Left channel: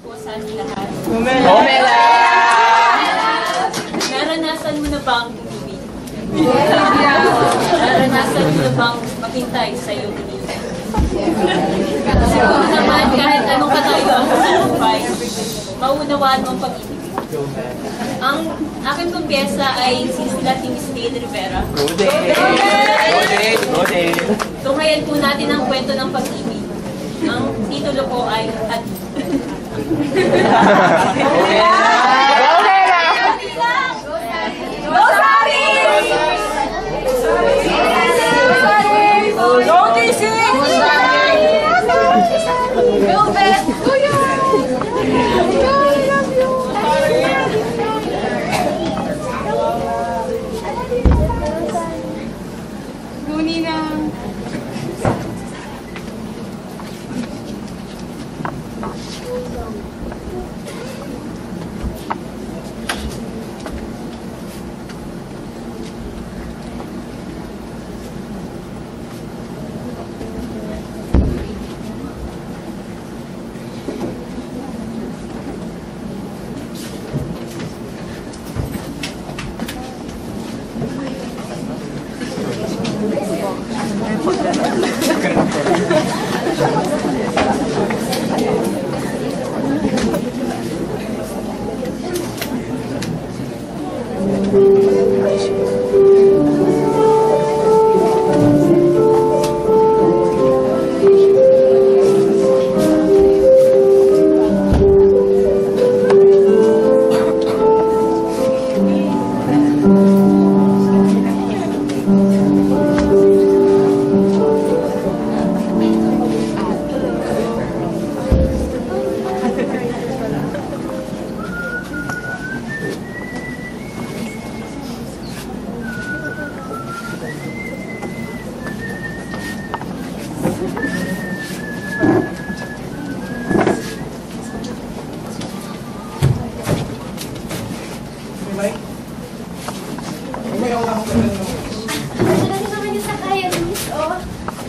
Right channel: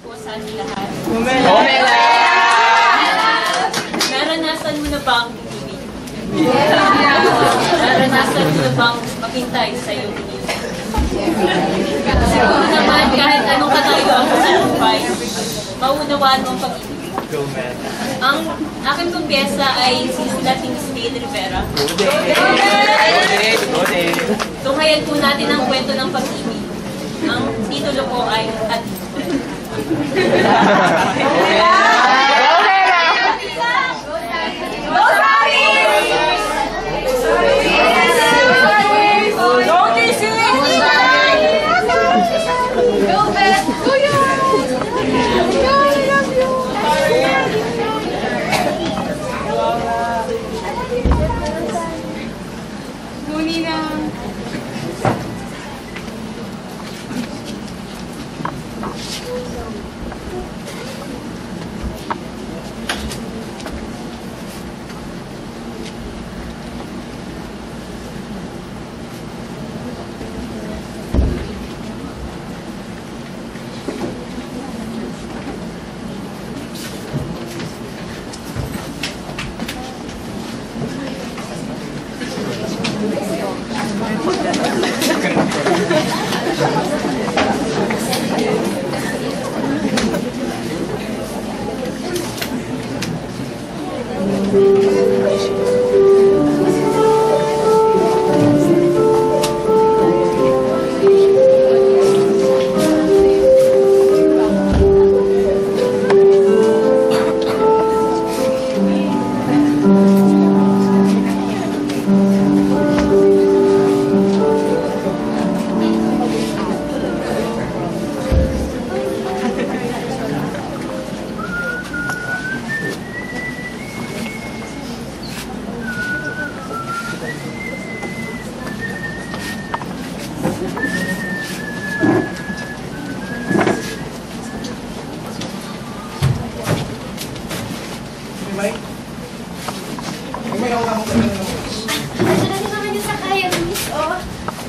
po sa ating lahat. Umela! Naranasan mo na bang umibig? Naranasan mo na bang maghintay sa iyong inibig? Siguro naman kahit anong katayo ang salumpay, maunawaan mo ang pag-ibig. Ang aking pong pyesa ay sisilating Miss Gail Rivera. Tunghayan po natin ang kwento ng pag-ibig. Ang titulo po ay Ati.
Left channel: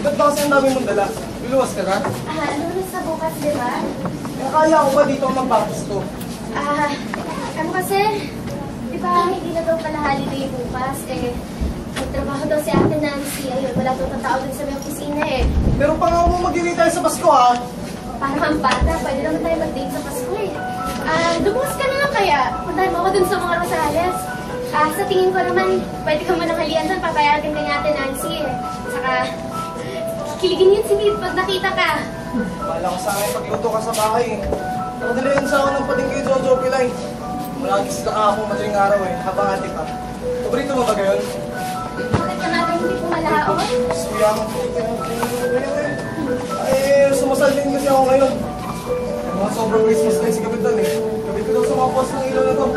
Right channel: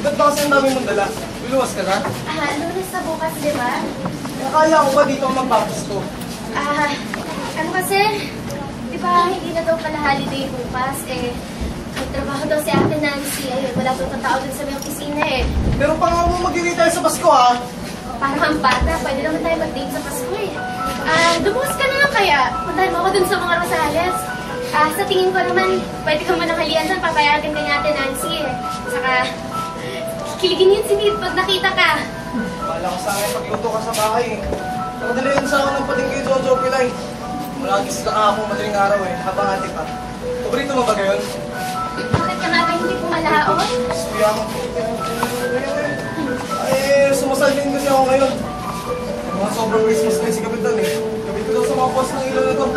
Ba't ba kasi ang dami mong dala? Luluwas ka na? Lunes na bukas, di ba? Nakaya ko ba dito ang magpapasko? Ano kasi, di ba hindi na daw pala holiday bukas, nagtrabaho daw si Ate Nancy, ayun, wala daw tao dun sa may opisina Pero pa nga mo mag-date tayo sa Pasko ha? Parang ang bata, pwede naman tayo mag-date sa Pasko Dumuwas ka na lang kaya, puntahan mo ako dun sa mga Rosales. Sa tingin ko naman, pwede ka mananghalian doon, papayagan ka ni Ate Nancy Saka, kikiligin yun si Nid pag nakita ka. Wala ko sa akin pagluto ka sa bahay Nakadalayan sa akin ng pating kay Jojo Pilay. Malagis na ako madaling araw habang ate pa. Paborito mo ba gayon? Bakit ka natin hindi pumalaon? Suya ako. Sumasal din kasi ako ngayon. Mga sobrang Christmas na si Kapitan Kapit ko daw sa mga post ng ilaw na to.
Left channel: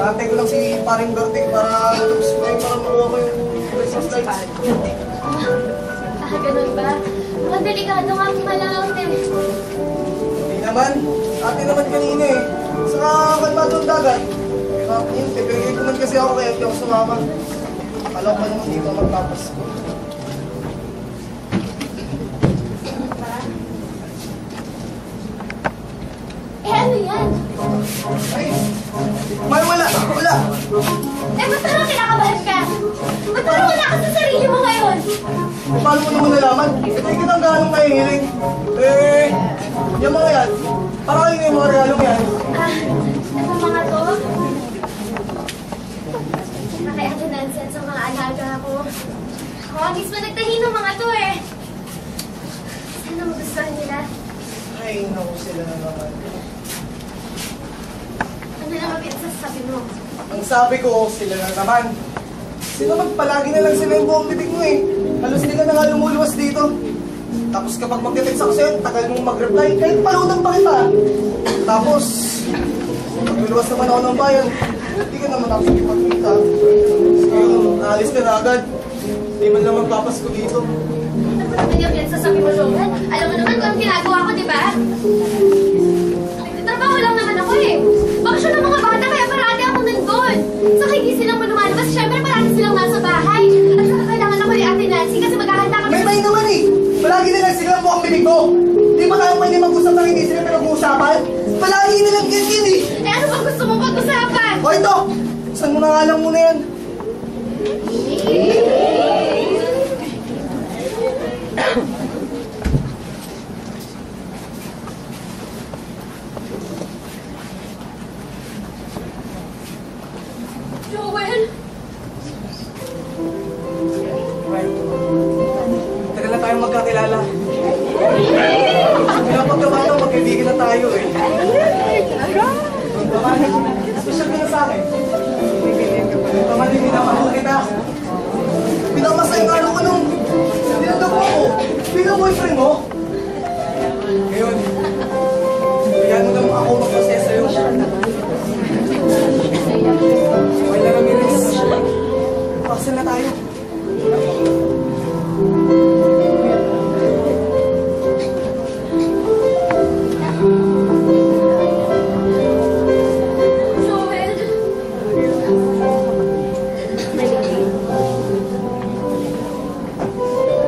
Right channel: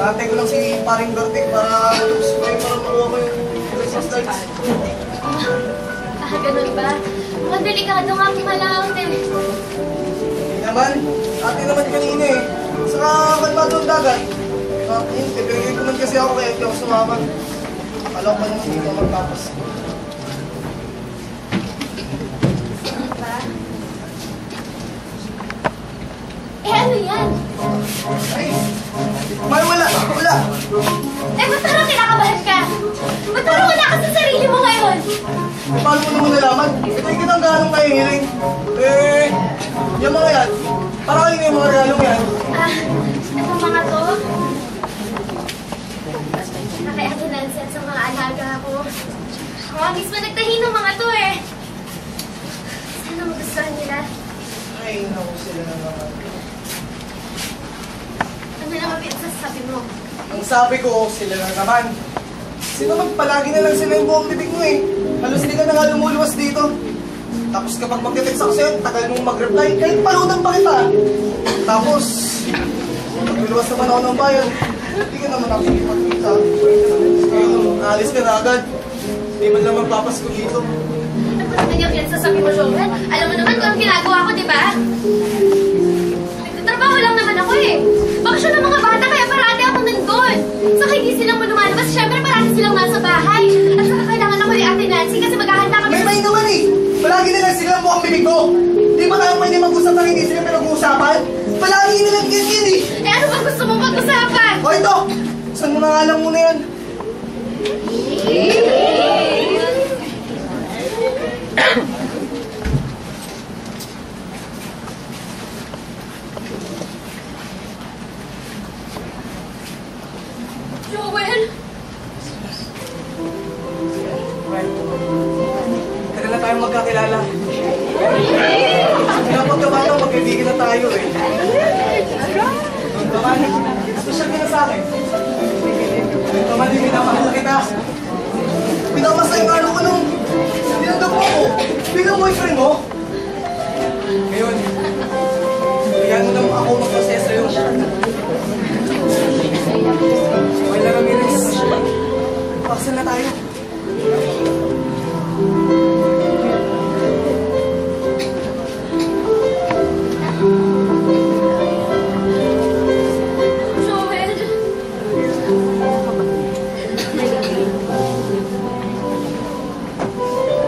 Naantay ko lang si Paring Berting para matapos ko para makuha ko yung Christmas lights. Ganun ba? Mukhang delikado nga pumalaon Hindi naman. Ate naman kanina Saka kalmado ang dagat. Pipigil ko man kasi ako kaya hindi ako sumama. Akala ko pa naman dito magpapasko. Ano yan? Ay! Wala! Ba't parang kinakabahan ka? Ba't parang wala ka sa sarili mo ngayon? Paano mo naman nalaman? Ito yung kitang ganong nahihiling. Yung mga yan. Para kayo yung mga regalong yan. Ito mga to. Kay Ate Nancy at sa mga alaga ko. Ako mismo nagtahi ng mga to Sana magustuhan nila. Ay, naku sila na naman. Ano naman sasabi mo? Ang sabi ko, sila na naman. Sino naman palagi na lang sila yung buong bibig mo Halos hindi ka na nga lumuluwas dito. Tapos kapag mag-text ako sa'yo, tagal mong mag-reply, kahit palutang pa kita. Tapos, magluluwas naman ako ng bayan, hindi ka naman nakikipagkita. Ngayon, alis ka na agad. Hindi man lang magpapasko dito. Ano ba naman yung sasabi mo, Joel? Alam mo naman kung ang ginagawa ko, di ba? Nagtatrabaho lang naman ako Bakasyon ng mga bata, kaya parati ako nandun. Saka hindi silang lumalabas, syempre parati silang nasa bahay. At saka kailangan ako ni Ate Nancy kasi maghahanda kami. May naman Palagi na lang sila ang mukhang bibig ko. Di ba tayo pwede mag-usap na hindi sila pinag-uusapan? Palagi na lang ganyan eh! Eh ano ba gusto mong pag-usapan? O ito! Saan mo na nga lang muna yan? Joel! Right. Tagal na tayong magkakilala. Pinapagkabataw, magkaibigan na tayo eh. Paman, special ka na sa akin. Paman, minamahal kita. Pinamasayang araw ko nung tinanggap mo ako bilang boyfriend mo. Ngayon, bigyan mo lang ako magpasaya sa'yo. Wala Ramirez. Pakasal na tayo. Joel!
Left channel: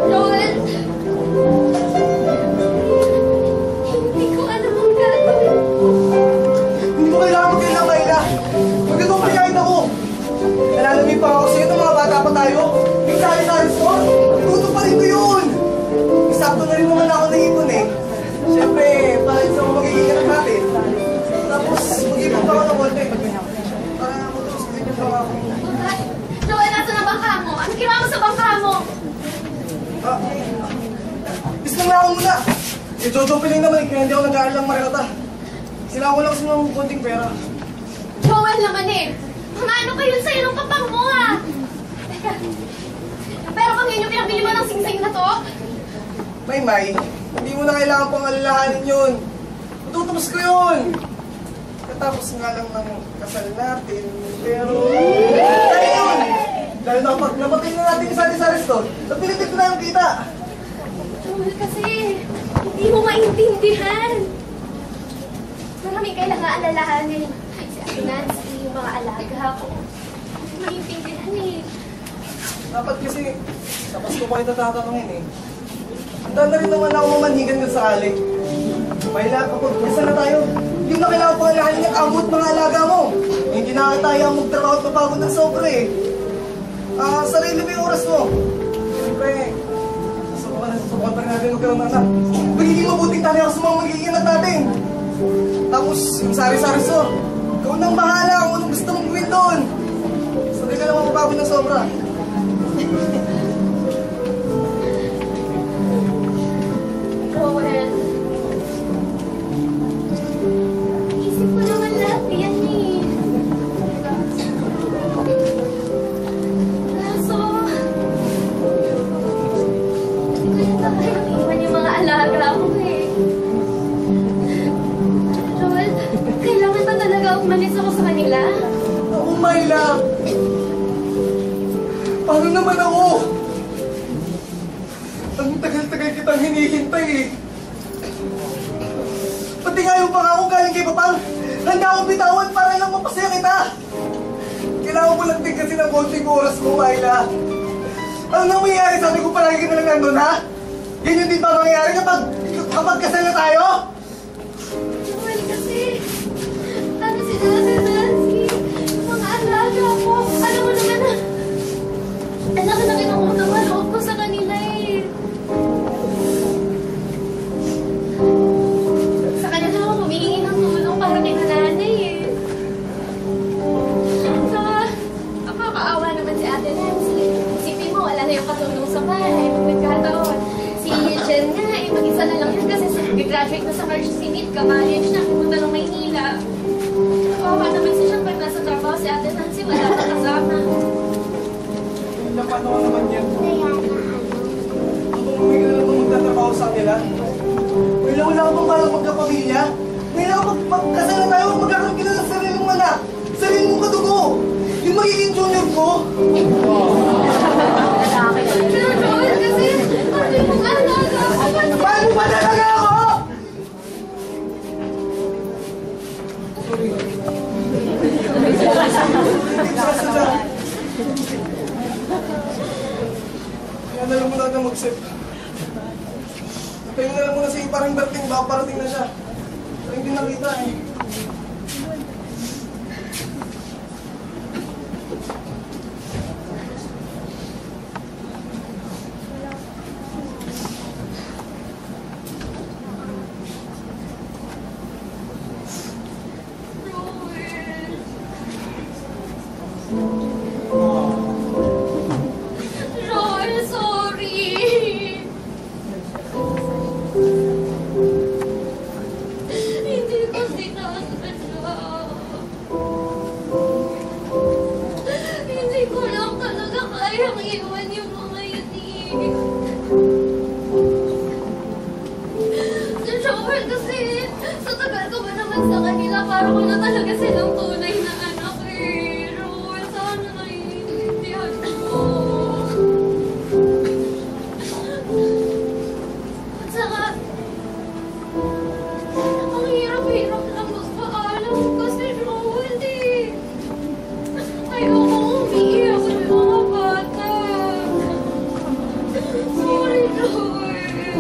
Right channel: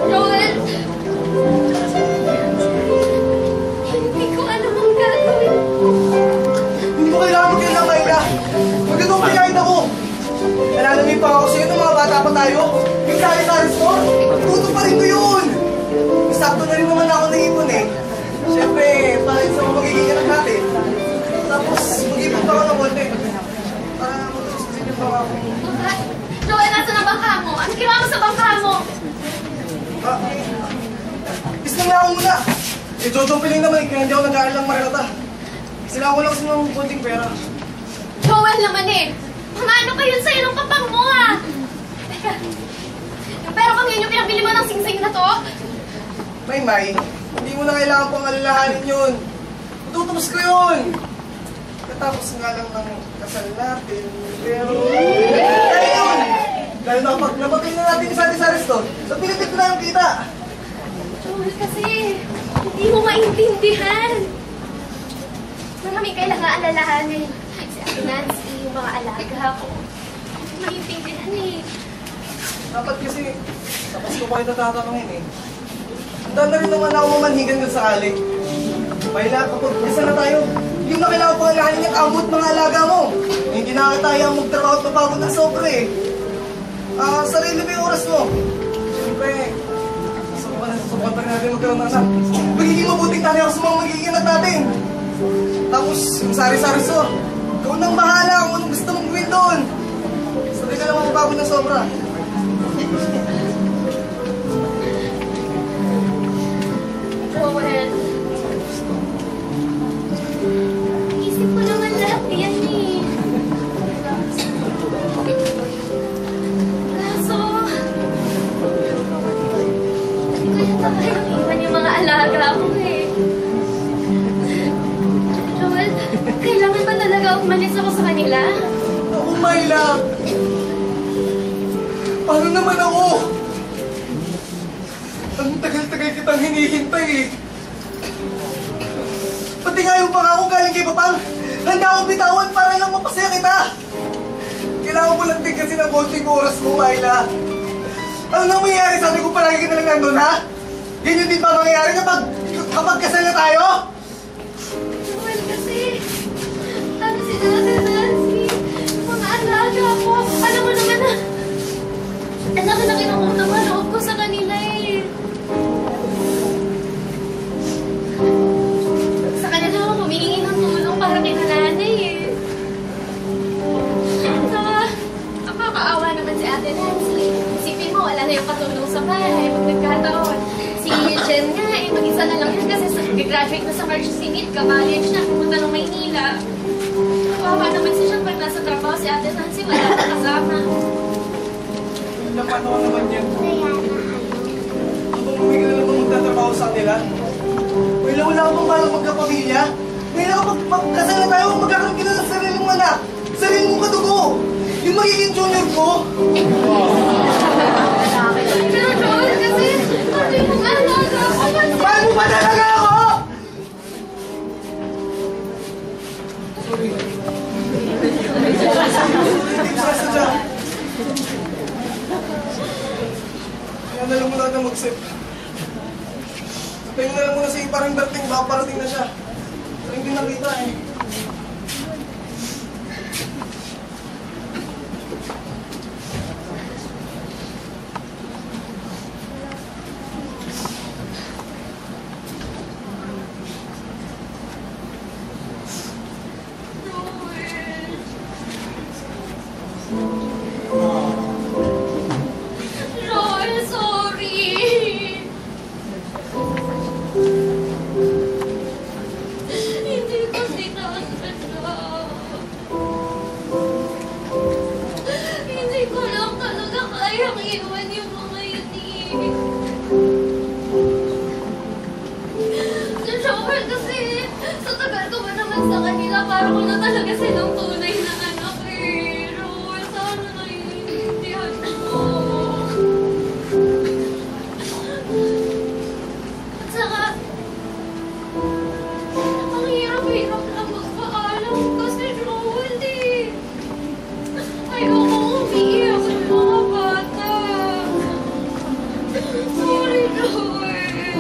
Joel! Hindi ko alam ang gagawin ko. Hindi ko kailangan magkailang Mayla. Magandang pinahit ako. Nalalamig pa ako sa'yo ng mga bata pa tayo. Yung sari-sari store, tuto pa rin ko yun. Sakto na rin naman ako naipon eh. Siyempre, para sa mga magiging anak natin. Tapos, mag-ipon pa ako ng konti. Para matulog sa sinyo pa ako. Joel, nasa na bangka mo? Ano ginawa mo sa bangka mo? Islang lang ako muna. Eh, Jojo Piling naman eh, kaya hindi ako nag-aalang marinata. Sila ko lang kasi ng konting pera. Joel naman eh! Mga ano kayo sa'yo ng kapang mo ha? Teka, yung pera bang yun yung pinabili mo ng singsing na to? May, hindi mo na kailangan pang alalahanin yun. Matutubos ko yun. Katapos nga lang ng kasal natin, pero... Kaya yun! Dahil napatay na natin isa sa resto, so pinitit ko na yung kita. Joel kasi, hindi mo maintindihan. Maraming kailangan alalahanin. Si Ate Nancy, yung mga alaga ko. Hindi maintindihan eh. Dapat kasi, sa Pasko pa kita tatanungin eh. Handa na rin naman ako mamanhigan kung sakali. Mayla, kapag isa na tayo, hindi mo na kailangan pangalahanin yung kamot mga alaga mo. Hindi na tayo ang magtrabaho at mapagod ng sobre eh. Sarili mo yung oras mo. Siyempre, subukan pa rin natin magkaroon ng anak. Magiging mabuting tali ako sa mga magiging anak natin. Tapos, yung sari-sari store, ikaw nang bahala kung anong gusto mong gawin doon. Sabi ka naman mapagod ng sobra. Joel, isip ko naman lahat yan eh. Kaso, hindi ko yata kayang iwan yung mga alaga ko eh. Joel, kailangan ba talaga umalis ako sa kanila? Ako, Mayla. Paano naman ako? Ang tagal-tagal kitang hinihintay eh. Pati nga yung pangako galing kay Papang, handa akong bitawan para lang mapasaya kita. Kailangan mo lang din kasi ng konting oras mo, Mayla. Ano nang mangyayari? Sabi ko palagi ka na lang nandun, ha? Ganyan din ba mangyayari kapag kasal na tayo? Joel, kasi, ano si Ate Nancy, mga alaga ko, alam mo naman na, ang laki-laki ng utang na loob ko sa kanila eh. Sa kanila ako humihingi ng tulong para kay nanay eh. Saka, nakakaawa naman si Ate Nancy. Isipin mo, wala na yung katulong sa bahay pag nagkataon. Si Jen nga eh, mag-isa na lang yun kasi graduate na sa Mercy Meet, ka-college na, pumunta ng Maynila. Kawawa naman si Jen pag nasa trabaho si Ate Nancy, wala na kasama. Napano naman yan. Kung hindi ka na lang magtatrabaho sa kanila, wala akong balang magkapamilya. Ngayon ako pagkasal na tayo, magkakaroon ka na ng sarili mong anak. Sarili mong kadugo. Yung magiging junior ko. Pero Joel, kasi, ano yung alaga ko? Paano ba talaga ako? Sorry. Kaya na lang muna natin mag-sip. Tayo na lang muna si parang Berting, baka parating na siya. Galing din lang kita eh. Joel, sorry. Hindi ko sinasadya. Hindi ko lang talaga kayang iwan yung mga yun eh. Si Joel kasi, sa tagal ko ba naman sa kanila, parang ko na talaga silang tunay na anak eh. Joel, sana naiintindihan mo. At saka, ang hirap-hirap lang magpaalam kasi Joel eh. Ayoko umiiyak sa mga bata. Sorry, Joel.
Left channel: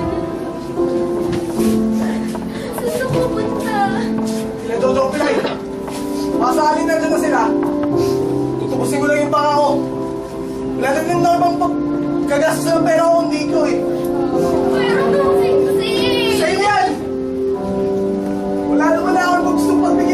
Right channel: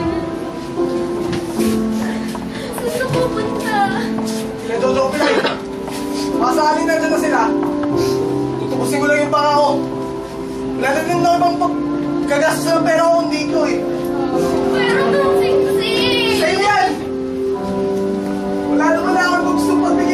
Saan ka pupunta? Sila Jojo Pilay. Masali na dyan na sila. Tutubusin ko lang yung pangako. Wala na din na ibang pagkagastos ng pera ko, hindi ko eh. Pero nung sing-sing! Sa'yo yan! Wala naman na akong gusto pagbigay